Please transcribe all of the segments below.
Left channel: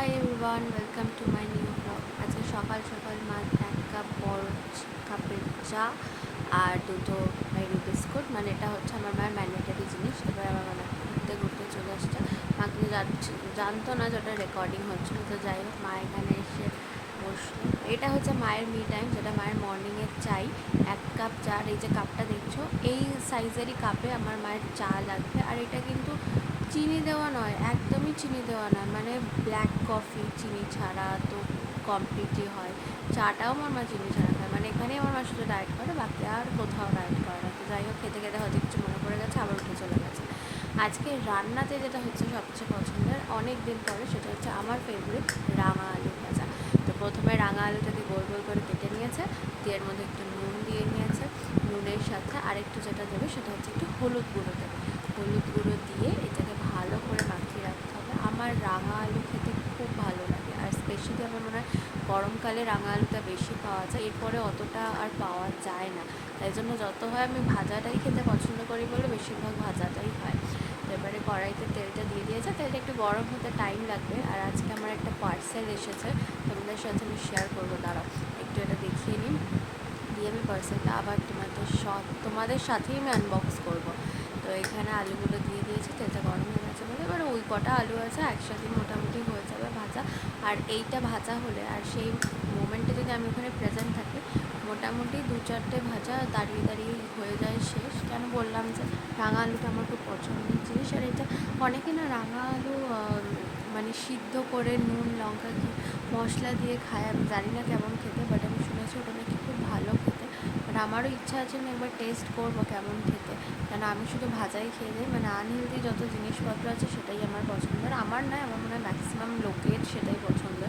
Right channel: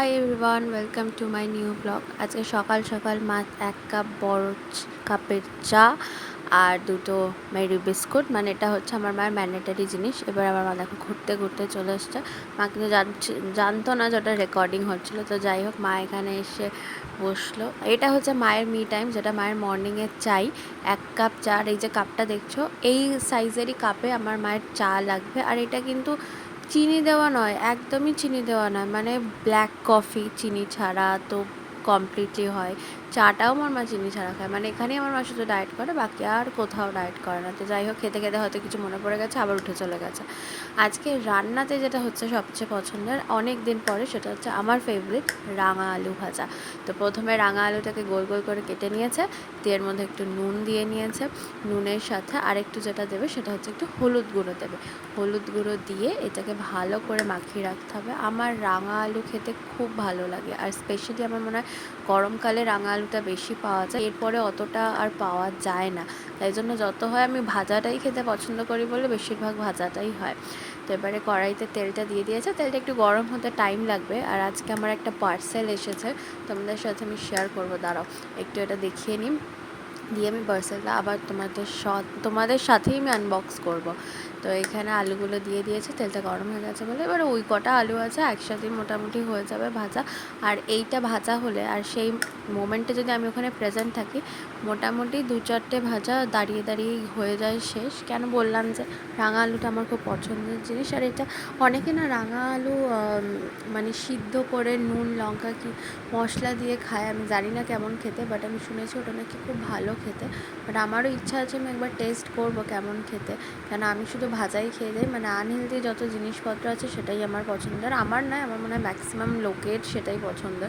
Hi everyone, welcome to my new blog. আজকে সকাল সকাল মা এক কাপ বড় কাপের চা আর দুটো মেরি বিস্কুট, মানে এটা হচ্ছে আমার মায়ের ম্যান্ডেটারি জিনিস। এবার আমার মা দেখো ঘুরতে ঘুরতে চলে এসছে। মা কিন্তু জানতো না যেটা রেকর্ডিং হচ্ছিলো। তো যাই হোক, মা এখানে এসে বসলো। এটা হচ্ছে মায়ের মি টাইম, যেটা মায়ের মর্নিংয়ের চাই। এক কাপ চা, আর এই যে কাপটা দেখছো, এই সাইজেরই কাপে আমার মায়ের চা লাগবে। আর এটা কিন্তু চিনি দেওয়া নয়, একদমই চিনি দেওয়া নয়, মানে ব্ল্যাক কফি চিনি ছাড়া তো কমপ্লিটলি হয়। চাটাও আমার মা চিনি ছাড়া খায়, মানে এখানেই আমার মা শুধু ডায়েট করে, বাকি আর কোথাও ডায়েট করে না। তো যাই হোক, খেতে খেতে হয়তো কিছু মনে পড়ে গেছে, আবার উঠে চলে গেছে। আজকে রান্নাতে যেটা হচ্ছে সবচেয়ে পছন্দের অনেক দিন পরে, সেটা হচ্ছে আমার ফেভারিট রাঙা আলু ভাজা। তো প্রথমে রাঙা আলুটাকে গোল গোল করে কেটে নিয়েছে, দিয়ে এর মধ্যে একটু নুন দিয়ে নিয়েছে। নুনের সাথে আরেকটু যেটা দেবে সেটা হচ্ছে একটু হলুদ গুঁড়ো দেবে। হলুদ গুঁড়ো দিয়ে এটাকে ভালো করে মাখিয়ে রাখতে হবে। আমার রাঙা আলু খেতে খুব ভালো লাগে, আর স্পেশালি আমার মনে হয় গরমকালে রাঙা আলুটা বেশি পাওয়া যায়, এরপরে অতটা আর পাওয়া যায় না। তাই জন্য যত হয় আমি ভাজাটাই খেতে পছন্দ করি বলে বেশিরভাগ ভাজাটাই হয়। তো এবারে কড়াইতে তেলটা দিয়ে দিয়েছে, তেলটা একটু গরম হতে টাইম লাগবে। আর আজকে আমার একটা পার্সেল এসেছে, তোমাদের সাথে আমি শেয়ার করবো, দাঁড়াও একটু এটা দেখিয়ে নিই। দিয়ে আমি পার্সেলটা আবার তোমাদের সাথেই আমি আনবক্স করব। তো এখানে আলুগুলো দিয়ে দিয়েছে, তেলটা গরম হয়ে গেছে বলে এবার ওই কটা আলু আছে একসাথেই মোটামুটি হয়ে যাবে ভাজা। আর এইটা ভাজা হলে, আর সেই মোমেন্টে যদি আমি ওখানে প্রেজেন্ট থাকি, মোটামুটি 2-4টে ভাজা দাঁড়িয়ে দাঁড়িয়েই হয়ে যায় শেষ। কেন বললাম যে রাঙা আলুটা আমার খুব পছন্দের জিনিস। আর এটা অনেকে না রাঙা আলু মানে সিদ্ধ করে নুন লঙ্কা কি মশলা দিয়ে খায়, আমি জানি না কেমন খেতে, বাট আমি শুনেছি ওটা নাকি খুব ভালো খেতে। বাট আমারও ইচ্ছা আছে আমি একবার টেস্ট করবো কেমন খেতে, কেন আমি শুধু ভাজাই খেয়ে যাই। মানে আনহেলদি যত জিনিসপত্র আছে সেটাই আমার পছন্দের, আমার নয়, আমার মনে হয় ম্যাক্সিমাম লোকের সেটাই পছন্দ।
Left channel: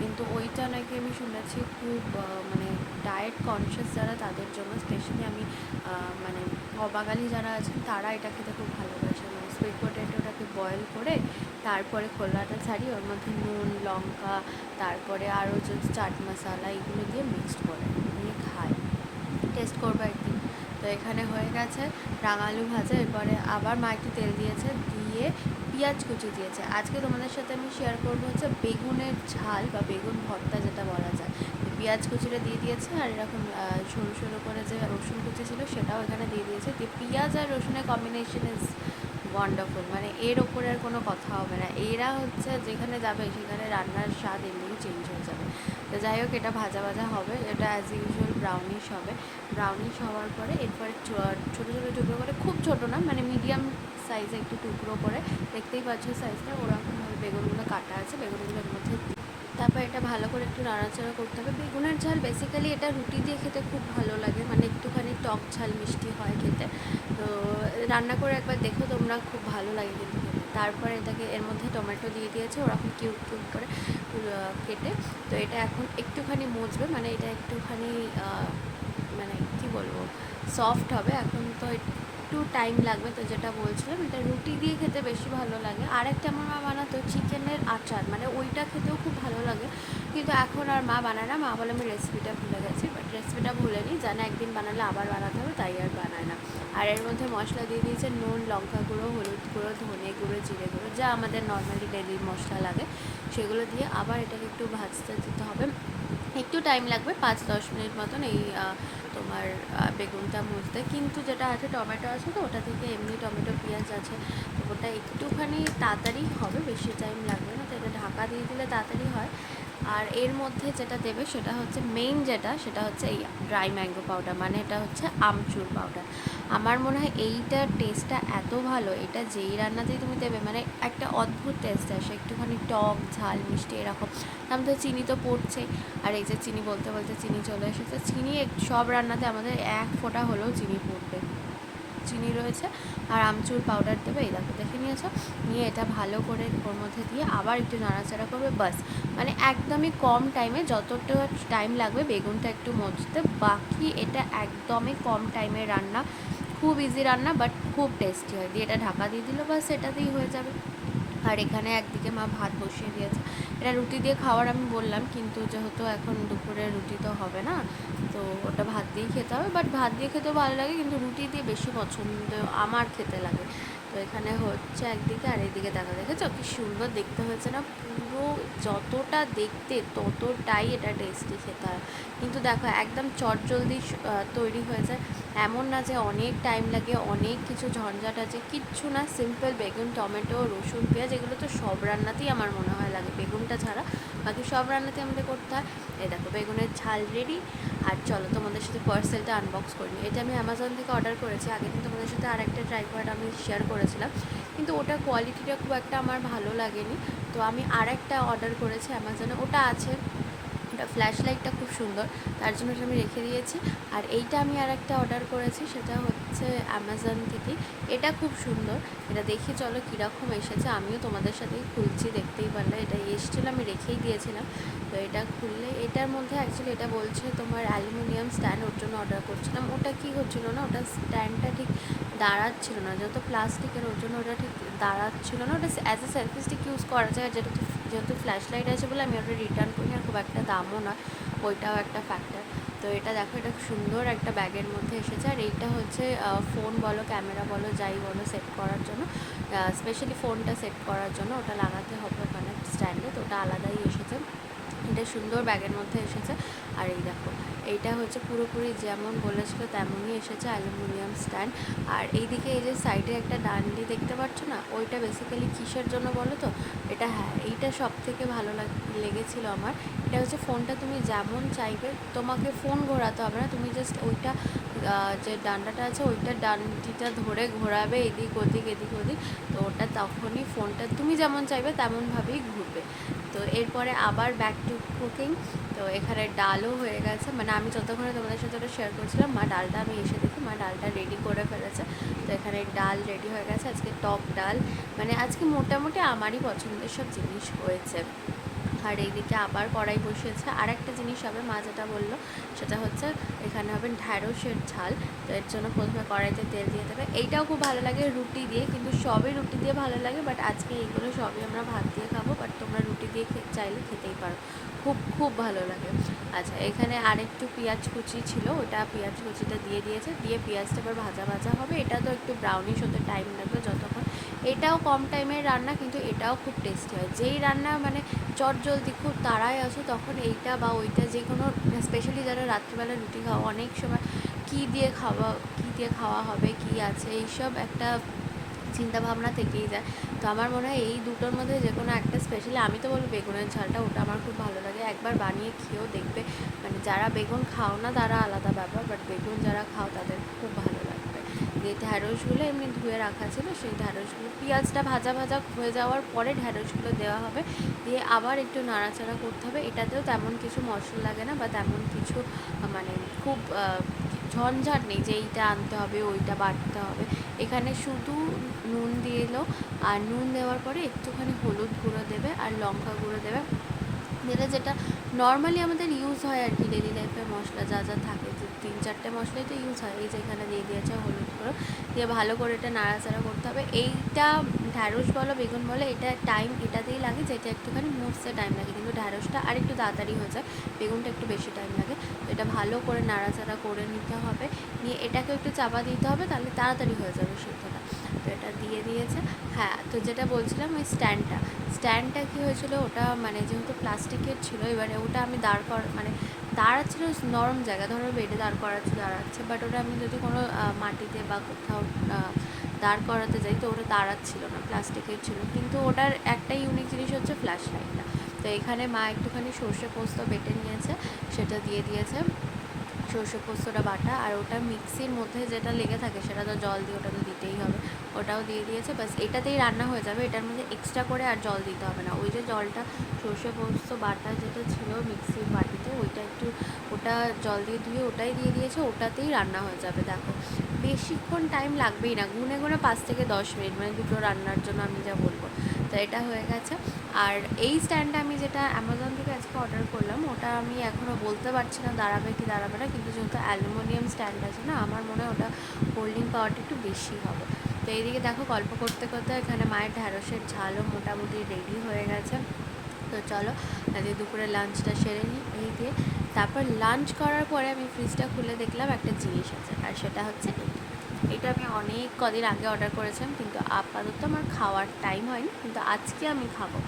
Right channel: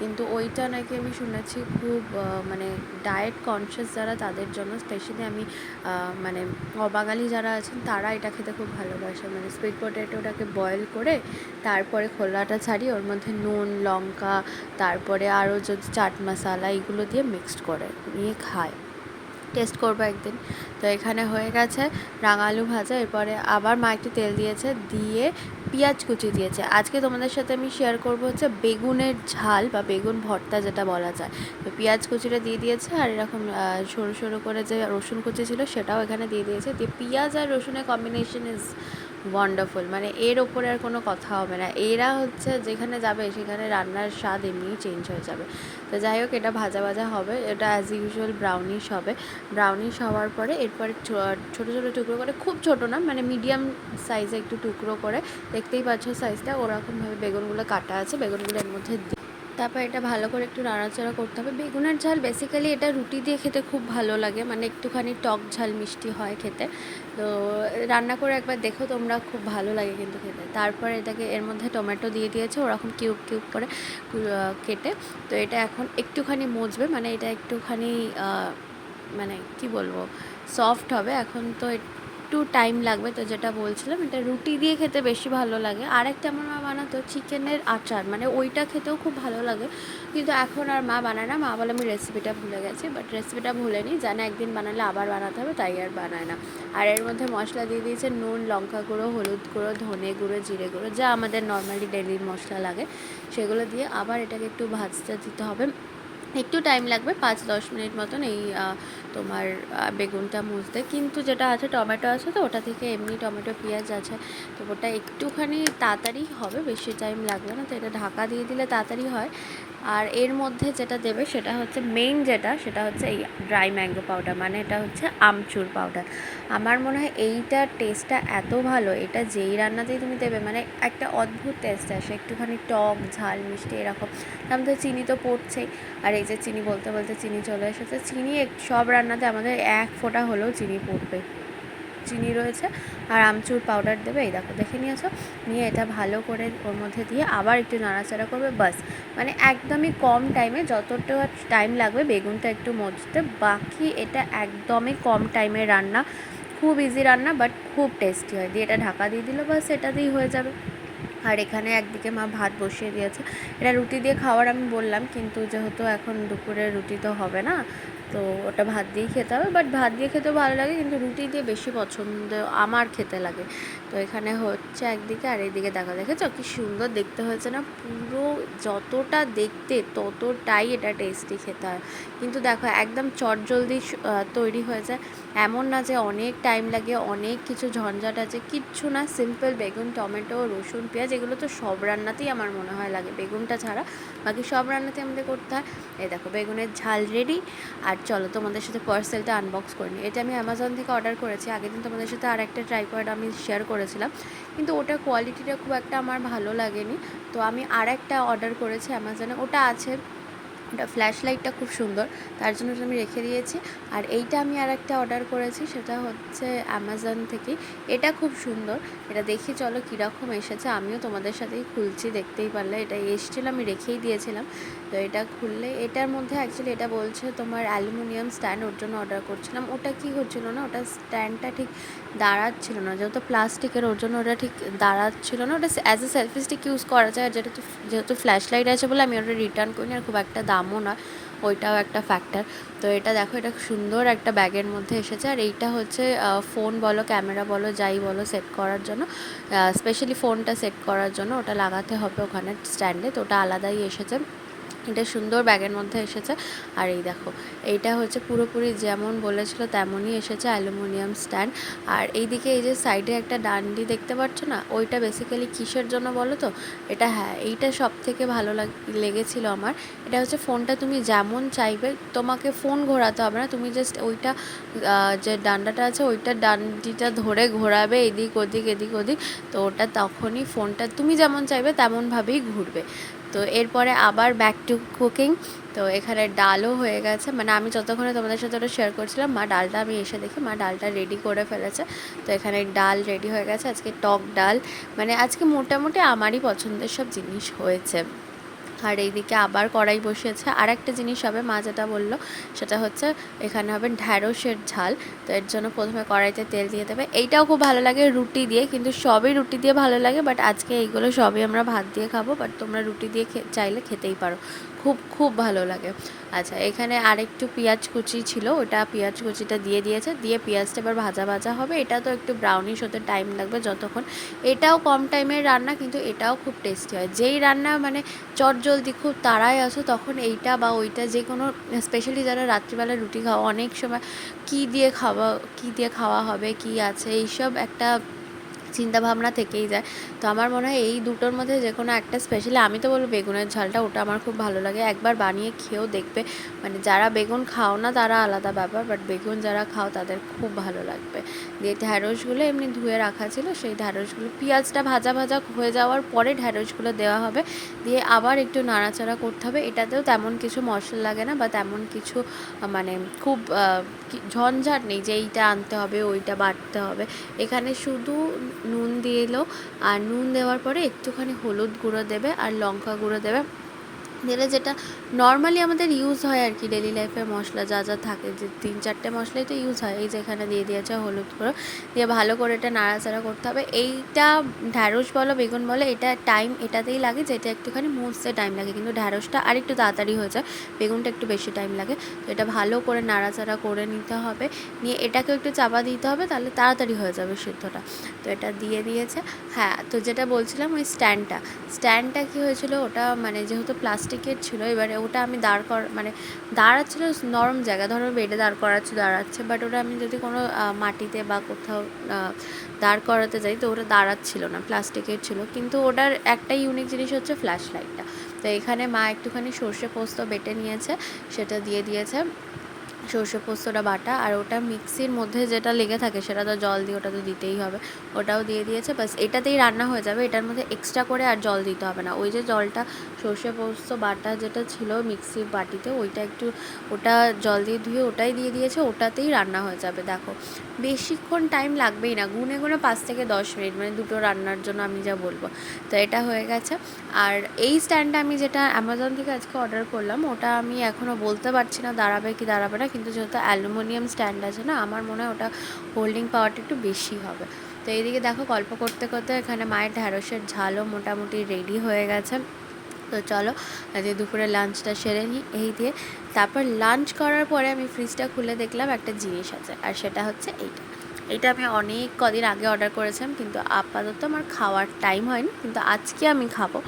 কিন্তু ওইটা নাকি আমি শুনেছি খুব মানে ডায়েট কনসিয়াস যারা তাদের জন্য স্পেশালি, আমি মানে অবাঙালি যারা আছেন তারা এটা খেতে খুব ভালোবাসে। মানে সুইট পটেটোটাকে বয়েল করে তারপরে খোলাটা ছাড়িয়ে ওর মধ্যে নুন লঙ্কা, তারপরে আরও যদি চাট মশলা এগুলো দিয়ে মিক্সড করে নিয়ে খায়। টেস্ট করবো একদিন। তো এখানে হয়ে গেছে রাঙা আলু ভাজা। এরপরে আবার মা একটু তেল দিয়েছে, দিয়ে পেঁয়াজ কুচি দিয়েছে। আজকে তোমাদের সাথে আমি শেয়ার করবো হচ্ছে বেগুনের ঝাল বা বেগুন ভর্তা যেটা বলা যায়। তো পেঁয়াজ কুচিটা দিয়ে দিয়েছে, আর এরকম সরু সরু করে যে রসুন কুচি ছিল সেটাও এখানে দিয়ে দিয়েছে। দিয়ে পেঁয়াজ আর রসুনের কম্বিনেশন ইজ ওয়ান্ডারফুল, মানে এর ওপরে আর কোনো কথা হবে না। এরা হচ্ছে যেখানে যাবে সেখানে রান্নার স্বাদ এমনিই চেঞ্জ হয়ে যাবে। তো যাই হোক, এটা ভাজা ভাজা হবে, এটা অ্যাজ ইউজুয়াল ব্রাউনিশ হবে। ব্রাউনিশ হওয়ার পরে এরপরে ছোটো ছোটো টুকরো করে, খুব ছোটো না, মানে মিডিয়াম সাইজে একটু টুকরো করে, দেখতেই পাচ্ছ সাইজটা ওরকমভাবে বেগুনগুলো কাটা আছে, বেগুনগুলো এর মধ্যে তারপর এটা ভালো করে একটু নাড়াচাড়া করতে হবে। বেগুনের ঝাল বেসিক্যালি এটা রুটি দিয়ে খেতে খুব ভালো লাগে, মানে একটুখানি টক ঝাল মিষ্টি হয় খেতে। তো রান্না করে একবার দেখো তোমরা, খুব ভালো লাগে কিন্তু খেতে। তারপর এটাকে এর মধ্যে টমেটো দিয়ে দিয়েছে ওরকম কিউব কিউব করে কেটে। তো এটা এখন একটুখানি মজবে, মানে এটা একটুখানি মানে কি বলবো, সফট হবে। এখন তো একটু টাইম লাগবে। তো যেটা বলছিলাম, এটা রুটি দিয়ে খেতে বেশি ভালো লাগে। আর একটা আমার মা বানাতো চিকেনের আচার, মানে ওইটা খেতেও খুব ভালো লাগে, কিন্তু এখন আর মা বানায় না। মা বলে আমি রেসিপিটা ভুলে গেছি, বাট রেসিপিটা ভুলেনি, জানে একদিন বানালে আবার বানাতে হবে, তাই আর বানায় না। আর এর মধ্যে মশলা দিয়ে দিয়েছে নুন লঙ্কা গুঁড়ো হলুদ গুঁড়ো ধনে গুঁড়ো জিরে গুঁড়ো, যা আমাদের নর্মালি ডেলির মশলা লাগে সেগুলো দিয়ে আবার এটাকে একটু ভাজতে দিতে হবে। একটু টাইম লাগবে, 5-10 মিনিট মতন এই তোমার বেগুনটা মুছতে। কিন্তু যেটা আছে টমেটো আছে, তো ওটা থেকে এমনি টমেটো পেঁয়াজ আছে, তো ওটা একটুখানি তাড়াতাড়ি হবে, বেশি টাইম লাগবে না। তো এটা ঢাকা দিয়ে দিলে তাড়াতাড়ি হয়। আর এর মধ্যে যেটা দেবে সেটা হচ্ছে মেইন, সেটা হচ্ছে এই ড্রাই ম্যাঙ্গো পাউডার, মানে এটা হচ্ছে আমচুর পাউডার। আমার মনে হয় এইটার টেস্টটা এত ভালো, এটা যেই রান্নাতেই তুমি দেবে মানে একটা অদ্ভুত টেস্ট আসে, একটুখানি টক ঝাল মিষ্টি এরকম। আমাদের চিনি তো পড়ছেই, আর এই যে চিনি বলতে বলতে চিনি চলে এসেছে। চিনি সব রান্নাতে আমাদের এক ফোঁটা হলেও চিনি পড়বে, চিনি রয়েছে। আর আমচুর পাউডার দেবে, এই দেখো দেখে নিয়েছো। নিয়ে এটা ভালো করে ওর মধ্যে দিয়ে আবার একটু নাড়াচাড়া করবে, বাস। মানে একদমই কম টাইমে, যতটা টাইম লাগবে বেগুনটা একটু মজতে, বাকি এটা একদমই কম টাইমের রান্না, খুব ইজি রান্না, বাট খুব টেস্টি হয়। দিয়ে এটা ঢাকা দিয়ে দিল, বাস এটাতেই হয়ে যাবে। আর এখানে একদিকে মা ভাত বসিয়ে দিয়েছে। এটা রুটি দিয়ে খাওয়ার আমি বললাম, কিন্তু যেহেতু এখন দুপুরে রুটি তো হবে না, তো ওটা ভাত দিয়েই খেতে হবে। বাট ভাত দিয়ে খেতেও ভালো লাগে, কিন্তু রুটি দিয়ে বেশি পছন্দ আমার খেতে লাগে। তো তো এখানে হচ্ছে একদিকে, আর এইদিকে দেখেছো কি সুন্দর দেখতে হয়েছে না? পুরো যতটা দেখতে ততটাই এটা টেস্টি খেতে হয়। কিন্তু দেখো একদম চটজলদি তৈরি হয়ে যায়, এমন না যে অনেক টাইম লাগে, অনেক কিছু ঝঞ্ঝাট আছে, কিচ্ছু না। সিম্পল বেগুন, টমেটো, রসুন, পেঁয়াজ, এগুলো তো সব রান্নাতেই আমার মনে হয় লাগে, বেগুনটা ছাড়া বাকি সব রান্নাতেই আমাদের করতে হয়। এই দেখো বেগুনের ঝাল রেডি। আর চলো তোমাদের সাথে পার্সেলটা আনবক্স করে নিই। এটা আমি অ্যামাজন থেকে অর্ডার করেছি, আগের দিন তোমাদের সাথে আর একটা ট্রাইপড আমি শেয়ার করেছিলাম, কিন্তু ওটার কোয়ালিটিটা খুব একটা আমার ভালো লাগেনি। তো আমি আর একটা অর্ডার করেছি অ্যামাজনে, ওটা আছে, ওটা ফ্ল্যাশ লাইটটা খুব সুন্দর, তার জন্য ওটা আমি রেখে দিয়েছি। আর এইটা আমি আর একটা অর্ডার করেছি, সেটা হচ্ছে অ্যামাজন থেকেই, এটা খুব সুন্দর। এটা দেখি চলো কীরকম এসেছে, আমিও তোমাদের সাথেই খুলছি, দেখতেই পারলে এটা এসেছিলো, আমি রেখেই দিয়েছিলাম। তো এটা খুললে এটার মধ্যে অ্যাকচুয়ালি এটা বলছে তোমার অ্যালুমিনিয়াম স্ট্যান্ড, ওর জন্য অর্ডার করছিলাম। ওটা কি হচ্ছিলো না, ওটা স্ট্যান্ডটা ঠিক দাঁড়াচ্ছিলো না, যেহেতু প্লাস্টিকের ওর জন্য ওটা ঠিক দাঁড়াচ্ছিলো না। ওটা as a selfie stick use করা যায়, আর যেহেতু ফ্ল্যাশ লাইট আছে বলে আমি ওটা রিটার্ন করিনি, আর খুব একটা দামও না, ওইটাও একটা ফ্যাক্টর। তো এটা দেখো, এটা সুন্দর একটা ব্যাগের মধ্যে এসেছে। আর এইটা হচ্ছে ফোন বলো, ক্যামেরা বলো, যাই বলো, সেট করার জন্য, স্পেশালি ফোনটা সেট করার জন্য ওটা লাগাতে হবে ওখানে স্ট্যান্ডে, তো ওটা আলাদাই এসেছে। এটা সুন্দর ব্যাগের মধ্যে এসেছে। আর এই দেখো, এইটা হচ্ছে পুরোপুরি যেমন বলেছিল তেমনই এসেছে, অ্যালুমিনিয়াম স্ট্যান্ড। আর এইদিকে এই যে সাইডে একটা ডান্ডি দেখতে পাচ্ছ না, ওইটা বেসিক্যালি কিসের জন্য বলো তো? এটা, হ্যাঁ, এইটা সব থেকে ভালো লেগেছিলো আমার। এটা হচ্ছে ফোনটা তুমি যেমন চাইবে, তোমাকে ফোন ঘোরাতে হবে না, তুমি জাস্ট ওইটা যে ডান্ডাটা আছে ওইটা ডান্ডিটা ধরে ঘোরাবে এদিক ওদিক এদিক ওদিক, তো ওটা তখনই ফোনটা তুমি যেমন চাইবে তেমনভাবেই ঘুরবে। তো এরপরে আবার ব্যাক টু কুকিং। তো এখানে ডালও হয়ে গেছে, মানে আমি যতক্ষণে তোমাদের সাথে ওটা শেয়ার করছিলাম, মা ডালটা, আমি এসে দেখি মা ডালটা রেডি করে ফেলেছে। তো এখানে ডাল রেডি হয়ে গেছে, আজকে টক ডাল, মানে আজকে মোটামুটি আমারই পছন্দের সব জিনিস হয়েছে। আর এইদিকে আবার কড়াই বসিয়েছে, আর একটা জিনিস হবে, মা যেটা বললো সেটা হচ্ছে এখানে হবে ঢ্যাঁড়সের ঝাল। তো এর জন্য প্রথমে কড়াইতে তেল দিয়ে দেবে। এইটাও খুব ভালো লাগে রুটি দিয়ে, কিন্তু সবই রুটি দিয়ে ভালো লাগে, বাট আজকে এইগুলো সবই আমরা ভাত দিয়ে খাবো, বাট তোমরা রুটি দিয়ে চাইলে খেতেই পারো, খুব খুব ভালো লাগে। আচ্ছা, এখানে আরেকটু পেঁয়াজ কুচি ছিল, ওটা পেঁয়াজ কুচিটা দিয়ে দিয়েছে, দিয়ে পেঁয়াজটা এবার ভাজা ভাজা হবে। এটা তো একটু ব্রাউনিশ হতে টাইম লাগবে যতক্ষণ, এটাও কম টাইমের রান্না, কিন্তু এটাও খুব টেস্টি হয়। যেই রান্না মানে চটজলদি খুব তাড়ায় আসো, তখন এইটা বা ওইটা যে কোনো, স্পেশালি যারা রাত্রিবেলা রুটি খাওয়া, অনেক সময় কী দিয়ে খাওয়া হবে, কি আছে, এইসব একটা চিন্তাভাবনা থেকেই যায়। তো আমার মনে হয় এই দুটোর মধ্যে যে কোনো একটা, স্পেশালি আমি তো বলবো বেগুনের ঝালটা, ওটা আমার খুব ভালো লাগে, একবার বানিয়ে খেয়েও দেখবে। মানে যারা বেগুন খাও না তারা আলাদা ব্যাপার, বাট বেগুন যারা খাও তাদের খুব ভালো লাগবে। দিয়ে ঢ্যাঁড়সগুলো এমনি ধুয়ে রাখা ছিল, সেই ঢ্যাঁড়সগুলো পেঁয়াজটা ভাজা ভাজা হয়ে যাওয়ার পরে ঢ্যাঁড়সগুলো দেওয়া হবে, দিয়ে আবার একটু নাড়াচাড়া করতে হবে। এটাতেও তেমন কিছু মশলা লাগে না, বা তেমন কিছু মানে খুব ঝঞ্ঝাট নেই যে এইটা আনতে হবে ওইটা বাটতে হবে। এখানে শুধু নুন দিয়ে এলো, আর নুন দেওয়ার পরে একটুখানি হলুদ গুঁড়ো দেবে আর লঙ্কা গুঁড়ো দেবে, দিলে যেটা নর্মালি আমাদের ইউজ হয় আর কি, ডেলি লাইফে মশলা যা যা থাকে, যে 3-4টে মশলাই তো ইউজ হয়। এই যেখানে দিয়ে দিয়েছে হলুদ গুঁড়ো, দিয়ে ভালো করে এটা নাড়াচাড়া করতে হবে। এইটা ঢ্যাঁড়স বলো বেগুন বলো, এটা টাইম এটাতেই লাগে, যেটা একটুখানি মুছতে টাইম লাগে, কিন্তু ঢ্যাঁড়সটা আর একটু তাড়াতাড়ি হয়ে যায়, বেগুনটা একটু বেশি টাইম লাগে। তো এটা ভালো করে নাড়াচাড়া করে নিতে হবে, নিয়ে এটাকে একটু চাপা দিতে হবে, তাহলে তাড়াতাড়ি হয়ে যাবে সিদ্ধটা। তো এটা দিয়ে দিয়েছে। হ্যাঁ, তো যেটা বলছিলাম ওই স্ট্যান্ডটা কী হয়েছিল, ওটা মানে যেহেতু প্লাস্টিকের ছিল, এবারে ওটা আমি মানে দাঁড়াচ্ছিলো নরম জায়গা, ধরো বেডে দাঁড়াচ্ছে, বাট ওটা আমি যদি কোনো মাটিতে বা কোথাও দাঁড় করাতে যাই, তো ওটা দাঁড়াচ্ছিল না, প্লাস্টিকের ছিল। কিন্তু ওটার একটা ইউনিক জিনিস হচ্ছে ফ্ল্যাশ লাইটটা। তো এখানে মা একটুখানি সর্ষে পোস্ত বেটে নিয়েছে, সেটা দিয়ে দিয়েছে, সর্ষে পোস্তটা বাটা। আর ওটা মিক্সির মধ্যে যেটা লেগে থাকে সেটা তো জল দিয়ে, ওটা তো দিতেই হবে, ওটাও দিয়ে দিয়েছে। বাস এটাতেই রান্না হয়ে যাবে, এটার মধ্যে এক্সট্রা করে আর জল দিতে হবে না। ওই যে জলটা সর্ষে পোস্ত বাটা যেটা ছিল মিক্সির বাটিতে, ওটা জল দিয়ে ধুয়ে ওটাই দিয়ে দিয়েছে, ওটাতেই রান্না হয়ে যাবে। দেখো বেশিক্ষণ টাইম লাগবেই না, গুনে গুনে 5 থেকে 10 মিনিট, মানে দুটো রান্নার জন্য আমি যা বলবো। তো এটা হয়ে গেছে। আর এই স্ট্যান্ডটা আমি যেটা অ্যামাজন থেকে আজকে অর্ডার করলাম, ওটা আমি এখনও বলতে পারছি না দাঁড়াবে কি দাঁড়াবে না, কিন্তু যেহেতু অ্যালুমিনিয়াম স্ট্যান্ড আছে না, আমার মনে হয় ওটা হোল্ডিং পাওয়ারটা একটু বেশি হবে। তো এইদিকে দেখো গল্প করতে করতে এখানে মায়ের ঢ্যাঁড়সের ঝালও মোটামুটি রেডি হয়ে গেছে। তো চলো আজকে দুপুরে লাঞ্চটা সেরে নিই। এই দিয়ে তারপর লাঞ্চ করার পরে আমি ফ্রিজটা খুলে দেখলাম একটা জিনিস আছে, আর সেটা হচ্ছে এইটা। এটা আমি অনেক কদিন আগে অর্ডার করেছিলাম, কিন্তু আপাতত আমার খাওয়ার টাইম হয়নি, কিন্তু আজকে আমি খাবো।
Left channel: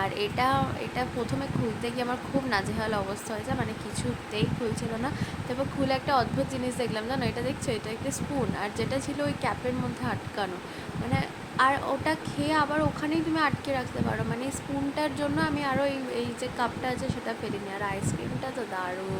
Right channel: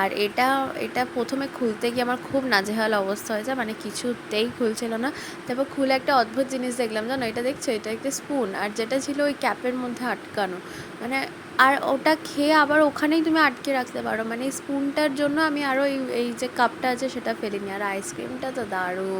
আর এটা এটা প্রথমে খুলতে গিয়ে আমার খুব নাজেহাল অবস্থা হয়েছে, মানে কিছুতেই খুলছিল না। তারপর খুলে একটা অদ্ভুত জিনিস দেখলাম, জানো এটা দেখছো, এটা একটা স্পুন, আর যেটা ছিল ওই ক্যাপের মধ্যে আটকানো, মানে আর ওটা খেয়ে আবার ওখানেই তুমি আটকে রাখতে পারো, মানে স্পুনটার জন্য আমি আরও এই এই যে কাপটা আছে সেটা ফেলিনি। আর আইসক্রিমটা তো দারুণ।